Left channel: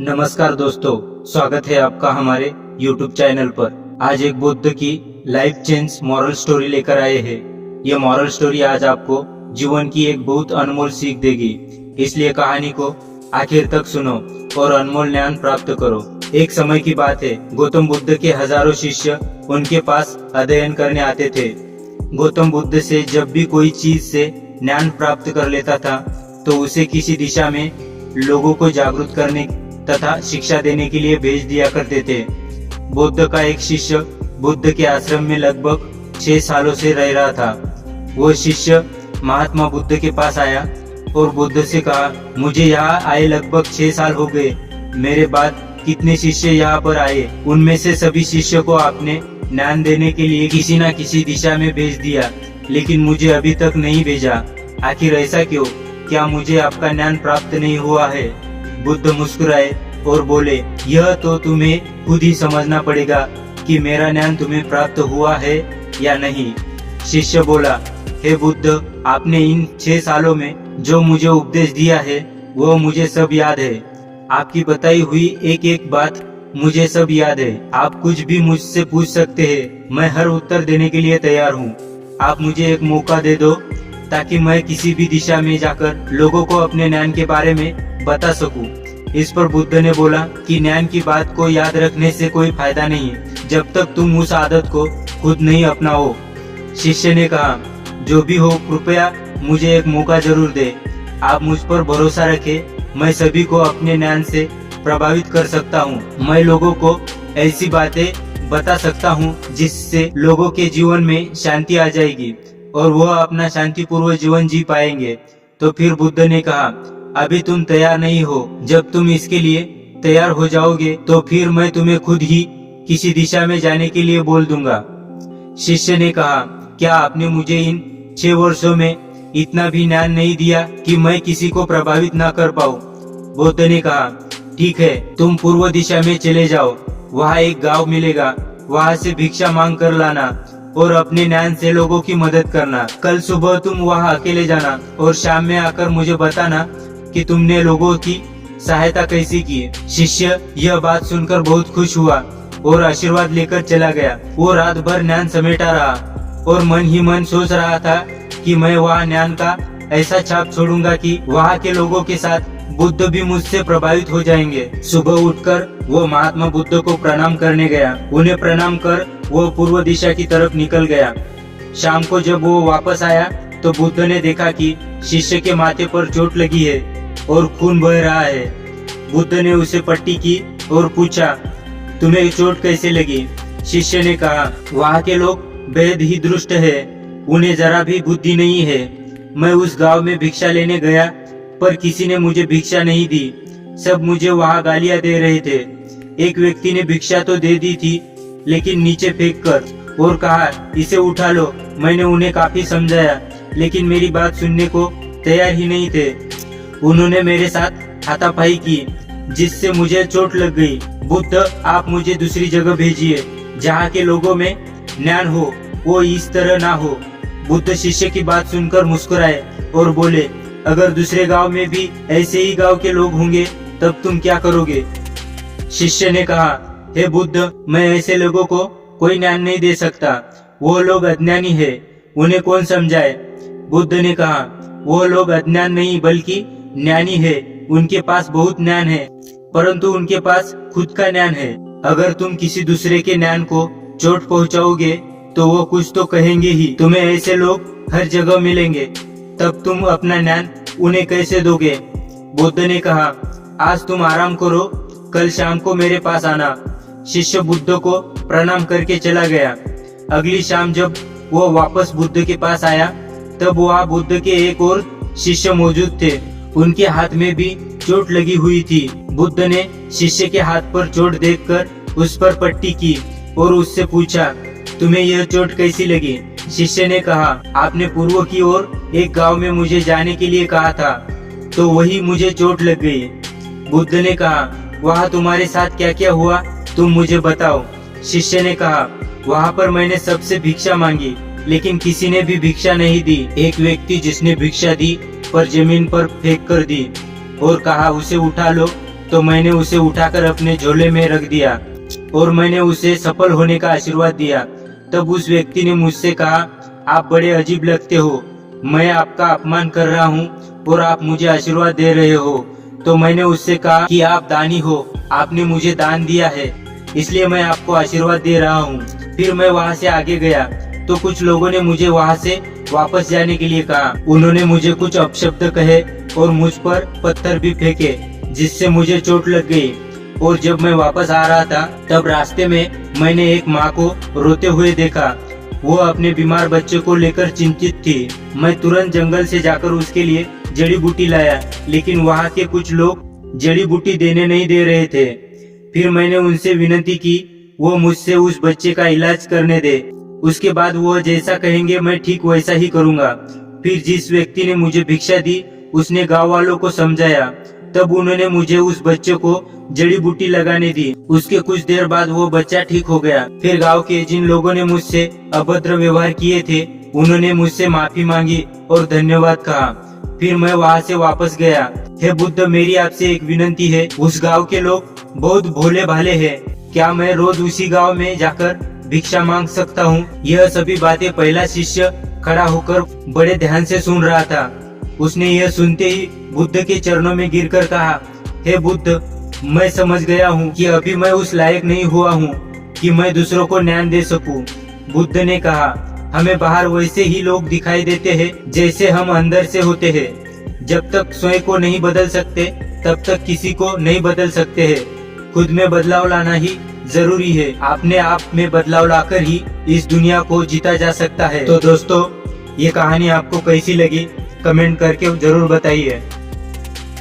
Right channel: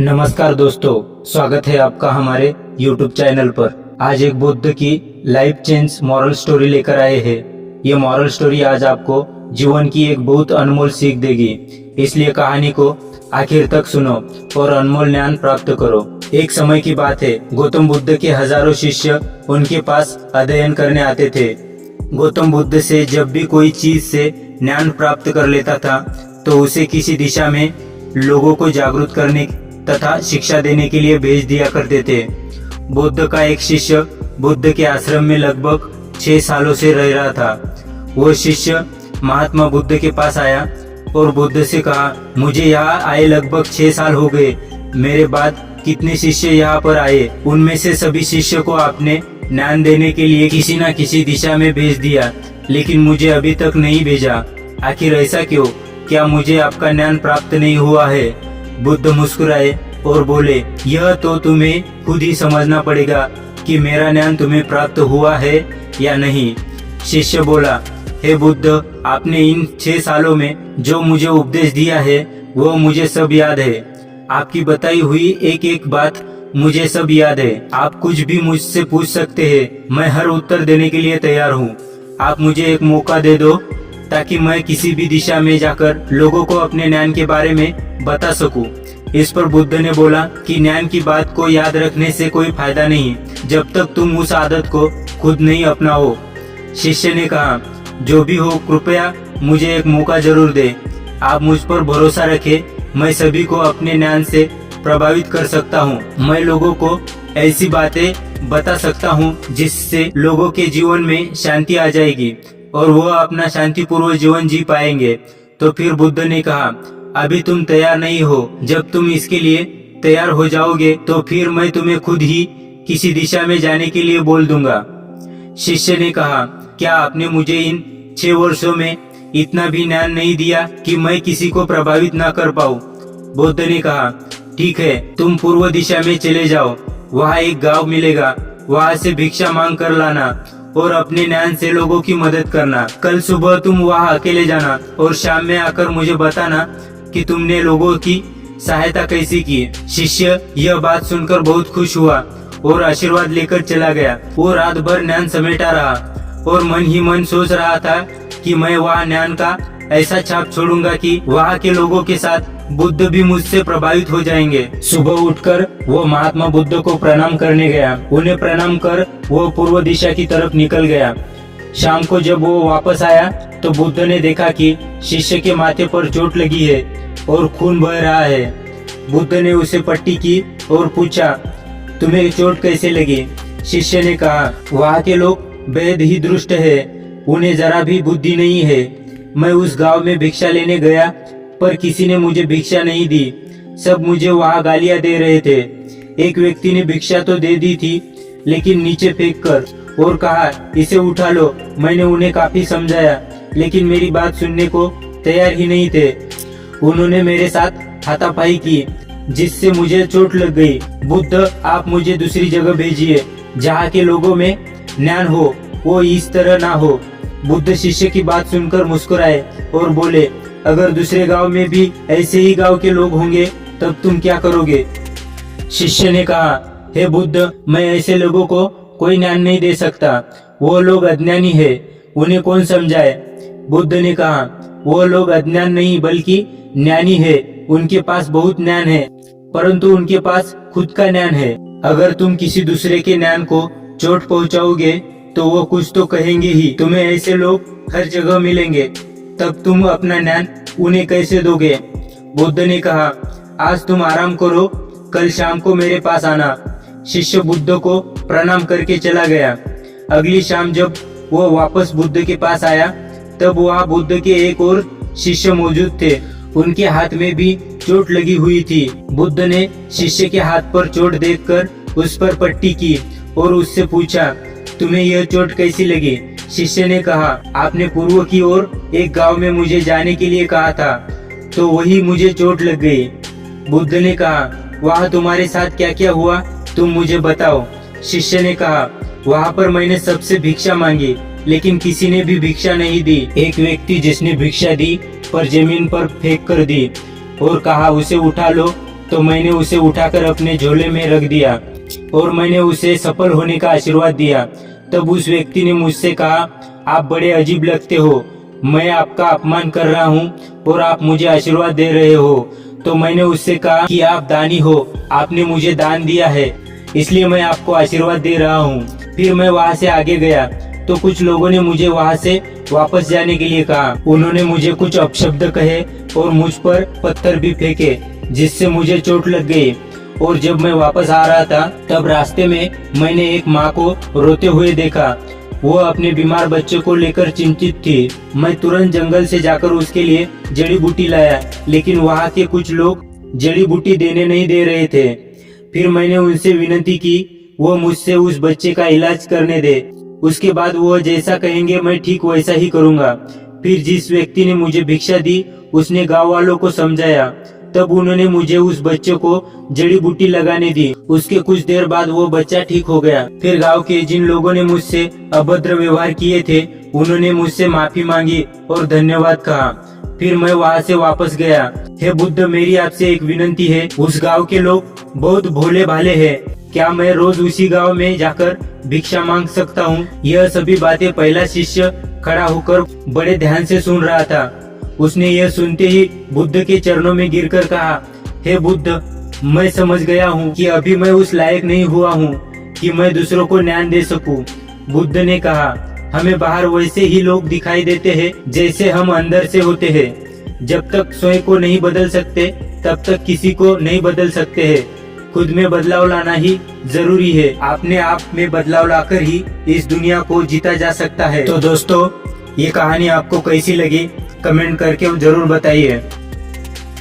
नमस्कार दोस्तों, स्वागत है आपका हमारे YouTube चैनल पर। आज एक बुद्ध की लाइफ चेंज मॉरल स्टोरी लेकर आए हैं। ये मॉरल स्टोरी आज आपको जीवन की एक बहुत अनमोल सीख देगी, इसलिए कहानी को आखिर तक सुनो और अनमोल ज्ञान प्राप्त करो। एक समय की बात है, गौतम बुद्ध के हजारों शिष्य उनके पास अध्ययन करने आते थे। गौतम बुद्ध से जब भी कोई चीज से ज्ञान प्राप्त कर लेता था तो उसे किसी दिशा में लोगों को जागरूक करने तथा शिक्षा देने के लिए भेज दिया करते थे। बुद्ध का एक शिष्य बुद्ध के आश्रम में लगभग 6 सालों से रह रहा था। वो शिष्य महात्मा बुद्ध के पास आया और बुद्ध से कहा, मुझे यहाँ आए लगभग 6 साल हो गए। मेरे बाद कितने शिष्य यहाँ पर आए, उनमें से सभी शिष्य को आपने ज्ञान देने के लिए किसी न किसी दिशा में भेज दिया, लेकिन मुझे अभी तक नहीं भेजा। आखिर ऐसा क्यों? क्या मुझे आपका ज्ञान प्राप्त नहीं हुआ है? बुद्ध मुस्कुराए और बोले, यह तो तुम्हें खुद ही समझना पड़ेगा कि मेरा ज्ञान तुम्हें प्राप्त हुआ है या नहीं। शिष्य बोला, हे बुद्ध, आपने इन 6 सालों में जो मुझे उपदेश दिया है वो मुझे सब याद है। आपकी बताई हुई एक एक बात मुझे सब याद है। आप कुछ भी मुझसे पूछ सकते हैं, मैं हर उत्तर देने के लिए तैयार हूँ। आप मुझे एक मौका दे दो ताकि मैं किसी भी दिशा में जाकर लोगों को अपने ज्ञान के बारे में बता सकूं। इस पर बुद्ध ने बोला कि ज्ञान की बात को याद रखने से कोई फायदा नहीं जब तक तुम उस आदत को खुद नहीं अपनाओ। शिष्य ने कहा, जो भी हो, कृपया मुझे एक मौका जरूर दे। आप मुझ पर भरोसा रखें, मैं सभी को अपने ज्ञान से प्रभावित कर सकता हूँ। मैं लोगों को ऐसी बातें बता सकता हूँ जिससे लोगों के जीवन में शांति आ जाएगी और वह अपना शांतिपूर्वक जीवन जी पाएंगे। तो फिर बुद्ध ने कहा, अभी तुम तैयार नहीं हो। जब तुम इसके लिए तैयार हो जाओगे तो फिर मैं तुम्हें खुद ही किसी दिशा में जाने के लिए बोल दूंगा। शिष्य ने कहा, क्या आपने मुझे इन 6 वर्षों में इतना भी ज्ञान नहीं दिया कि मैं किसी को प्रभावित न कर पाऊं? बुद्ध ने कहा, ठीक है, तुम पूर्व दिशा में चले जाओ। वहाँ एक गांव मिलेगा, वहाँ से भिक्षा मांग कर लाना और अपने ज्ञान से लोगों की मदद करना। कल सुबह तुम वहाँ अकेले जाना और शाम में आकर मुझे बताना कि तुमने लोगों की सहायता कैसी की। शिष्य यह बात सुनकर बहुत खुश हुआ और आशीर्वाद लेकर चला गया। वो रात भर ज्ञान समेटा रहा और मन ही मन सोच रहा था कि मैं वहाँ ज्ञान का ऐसा छाप छोड़ूंगा कि वहाँ के लोगों के साथ बुद्ध भी मुझसे प्रभावित हो जाएंगे। सुबह उठकर वो महात्मा बुद्ध को प्रणाम करने गया। उन्हें प्रणाम कर वो पूर्व दिशा की तरफ निकल गया। शाम को जब वो वापस आया तो बुद्ध ने देखा कि शिष्य के माथे पर चोट लगी है और खून बह रहा है। बुद्ध ने उसे पट्टी की और पूछा, तुम्हें चोट कैसे लगी? शिष्य ने कहा, वहाँ के लोग बेहद ही दुष्ट है, उन्हें जरा भी बुद्धि नहीं है। मैं उस गांव में भिक्षा लेने गया पर किसी ने मुझे भिक्षा नहीं दी। सब मुझे वहाँ गालियां दे रहे थे। एक व्यक्ति ने भिक्षा तो दे दी थी लेकिन नीचे फेंक कर और कहा, इसे उठा लो। मैंने उन्हें काफी समझाया लेकिन मेरी बात सुनने को तैयार ही नहीं थे। उन्होंने मेरे साथ हाथापाई की जिससे मुझे चोट लग गई। बुद्ध, आप मुझे दूसरी जगह भेजिए जहाँ के लोगों में ज्ञान हो, वो इस तरह ना हो। बुद्ध शिष्य की बात सुनकर मुस्कुराए और बोले, अगर दूसरे गांव में भी ऐसे ही गांव के लोग होंगे तब तुम क्या करोगे? शिष्य ने कहा, हे बुद्ध, मैं ऐसे लोगों को कोई ज्ञान नहीं दे सकता। वो लोग अज्ञानी है, उन्हें कौन समझाए? बुद्ध ने कहा, वो लोग अज्ञान नहीं बल्कि ज्ञानी है। उनके पास बहुत ज्ञान है परंतु उनके पास खुद का ज्ञान है। अगर तुम किसी दूसरे के ज्ञान को चोट पहुंचाओगे तो वो कुछ तो कहेंगे ही। तुम्हें ऐसे लोग हर जगह मिलेंगे, तब तुम अपना ज्ञान उन्हें कैसे दोगे? बुद्ध ने कहा, आज तुम आराम करो, कल शाम को मेरे पास आना। शिष्य बुद्ध को प्रणाम करके चला गया। अगली शाम जब वो वापस बुद्ध के पास आया तब वहाँ बुद्ध के एक और शिष्य मौजूद थे। उनके हाथ में भी चोट लगी हुई थी। बुद्ध ने शिष्य के हाथ पर चोट देखकर उस पर पट्टी की और उससे पूछा, तुम्हें यह चोट कैसी लगी? शिष्य ने कहा, आपने पूर्व की ओर एक गांव में मुझे जाने के लिए कहा था तो वही मुझे चोट लग गई। बुद्ध ने कहा, वहाँ तुम्हारे साथ क्या क्या हुआ तुम मुझे बताओ। शिष्य ने कहा, वहाँ पर मैंने सबसे भिक्षा मांगी लेकिन किसी ने भी भिक्षा नहीं दी। एक व्यक्ति जिसने भिक्षा दी पर जमीन पर फेंक कर दी और कहा, उसे उठा लो तो मैंने उसे उठाकर अपने झोले में रख दिया और मैंने उसे सफल होने का आशीर्वाद दिया। तब उस व्यक्ति ने मुझसे कहा, आप बड़े अजीब लगते हो, मैं आपका अपमान कर रहा हूँ और आप मुझे आशीर्वाद दे रहे हो। तो मैंने उससे कहा कि आप दानी हो, आपने मुझे दान दिया है, इसलिए मैं आपको आशीर्वाद दे रहा हूँ। फिर मैं वहाँ से आगे गया तो कुछ लोगों ने मुझे वहाँ से वापस जाने के लिए कहा। उन्होंने मुझे कुछ अपशब्द कहे और मुझ पर पत्थर भी फेंके, जिससे मुझे चोट लग गई। और जब मैं वापस आ रहा था तब रास्ते में मैंने एक माँ को रोते हुए देखा। वो अपने बीमार बच्चे को लेकर चिंतित थी। मैं तुरंत जंगल से जाकर उसके लिए जड़ी बूटी लाया, लेकिन वहाँ के कुछ लोग जड़ी बूटी देने नहीं दे रहे थे। फिर मैंने उनसे विनती की वो मुझसे उस बच्चे का इलाज करने दे। उसके बाद वो जैसा कहेंगे मैं ठीक वैसा ही करूँगा। फिर जिस व्यक्ति ने मुझे भिक्षा दी उसने गाँव वालों को समझाया। तब उन्होंने मुझे उस बच्चे को जड़ी बूटी लगाने दी। उसके कुछ देर बाद वो बच्चा ठीक हो गया। फिर गांव के जिन लोगों ने मुझसे अभद्र व्यवहार किए थे उन्होंने मुझसे माफी मांगी और धन्यवाद कहा। फिर मैं वहाँ से वापस गया। हे बुद्ध, मेरी आपसे एक विनती है, उस गांव के लोग बहुत भोले भाले हैं, क्या मैं रोज उसी गांव में जाकर भिक्षा मांग सकता हूँ? यह सभी बातें पहला शिष्य खड़ा होकर बड़े ध्यान से सुन रहा था। उसने यह सुनते ही बुद्ध के चरणों में गिरकर कहा, हे बुद्ध, मैं समझ गया हूँ कि अभी मैं उस लायक नहीं हुआ हूँ कि मैं दूसरों को ज्ञान दे सकूं। बुद्ध ने कहा, हमें बाहर वैसे ही लोग दिखाई देते हैं जैसे हम अंदर से होते हैं। जब तक स्वयं को नहीं बदल सकते तब तक किसी को नहीं बदल सकते हैं। खुद में बदलाव लाना ही जरूरी है। अपने आप में बदलाव लाकर ही इस दुनिया को जीता जा सकता है। तो दोस्तों, ये कहानी आपको कैसी लगी कमेंट करके जरूर बताइए।